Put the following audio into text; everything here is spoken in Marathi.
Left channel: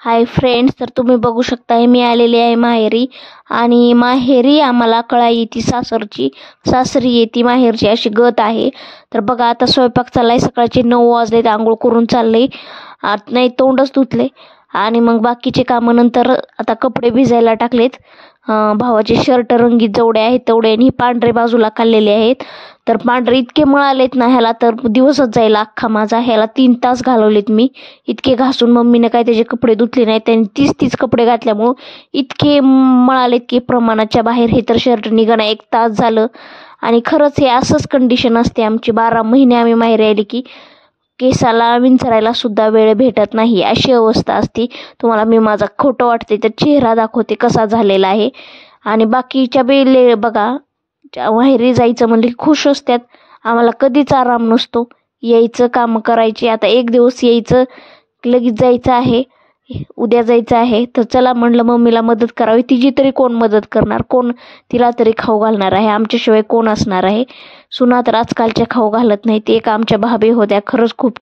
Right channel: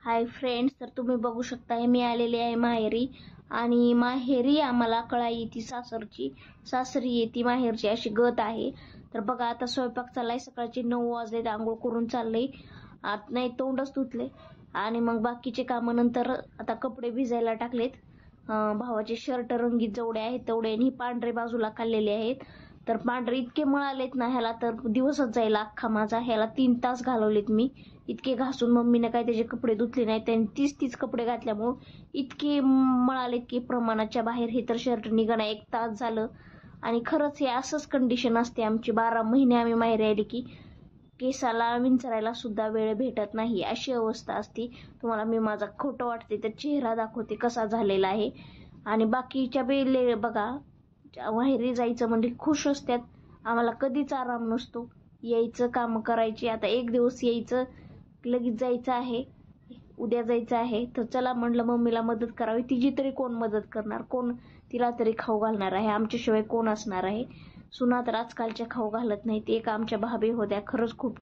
हाय फ्रेंड्स, तर तुम्ही बघू शकताय मी आलेली आहे माहेरी. आणि माहेरी आम्हाला कळाई येते सासरची, सासरी येते माहेरची, अशी गत आहे. तर बघा, आता स्वयंपाक चाललाय. सकाळचे 9 वाजलेत, आंघोळ करून चालले. नाही, तोंडच धुतले. आणि मग बाकीचे कामं नंतर. आता कपडे भिजायला टाकलेत. भावाचे शर्ट रंगीत जेवढे आहेत तेवढे, आणि पांढरे बाजूला काढलेले आहेत. तर पांढरे इतके मळालेत ना, ह्याला तर दिवसच जाईल अख्खा माझा. ह्याला 3 तास घालवलेत मी. इतके घासून मम्मीने काय त्याचे कपडे धुतले नाही, त्यांनी तीच कपडे घातल्यामुळं इतके मळालेत की प्रमाणाच्या बाहेर. हे तर शर्ट निघणं 1 तास झालं. आणि खरंच हे असंच कंडिशन असते आमची. 12 महिने आम्ही माहेरी आली की केसाला विंचरायला सुद्धा वेळ भेटत नाही, अशी अवस्था असते. तुम्हाला मी माझा खोटं वाटते तर चेहरा दाखवते कसा झालेला आहे. आणि बाकीच्या बेले बघा, माहेरी जायचं म्हणजे खुश असतात. आम्हाला कधीच आराम नसतो. यायचं, कामं करायची. आता एक दिवस यायचं, लगेच जायचं आहे. उद्या जायचं आहे. तर चला म्हणलं मम्मीला मदत करावी. तिची तरी कोण मदत करणार, कोण तिला तरी खाऊ घालणार आहे, आमच्याशिवाय कोण असणार आहे. सुना तर आजकालच्या खाऊ घालत नाही. ते एक आमच्या भाभी होत्या, खरंच खूप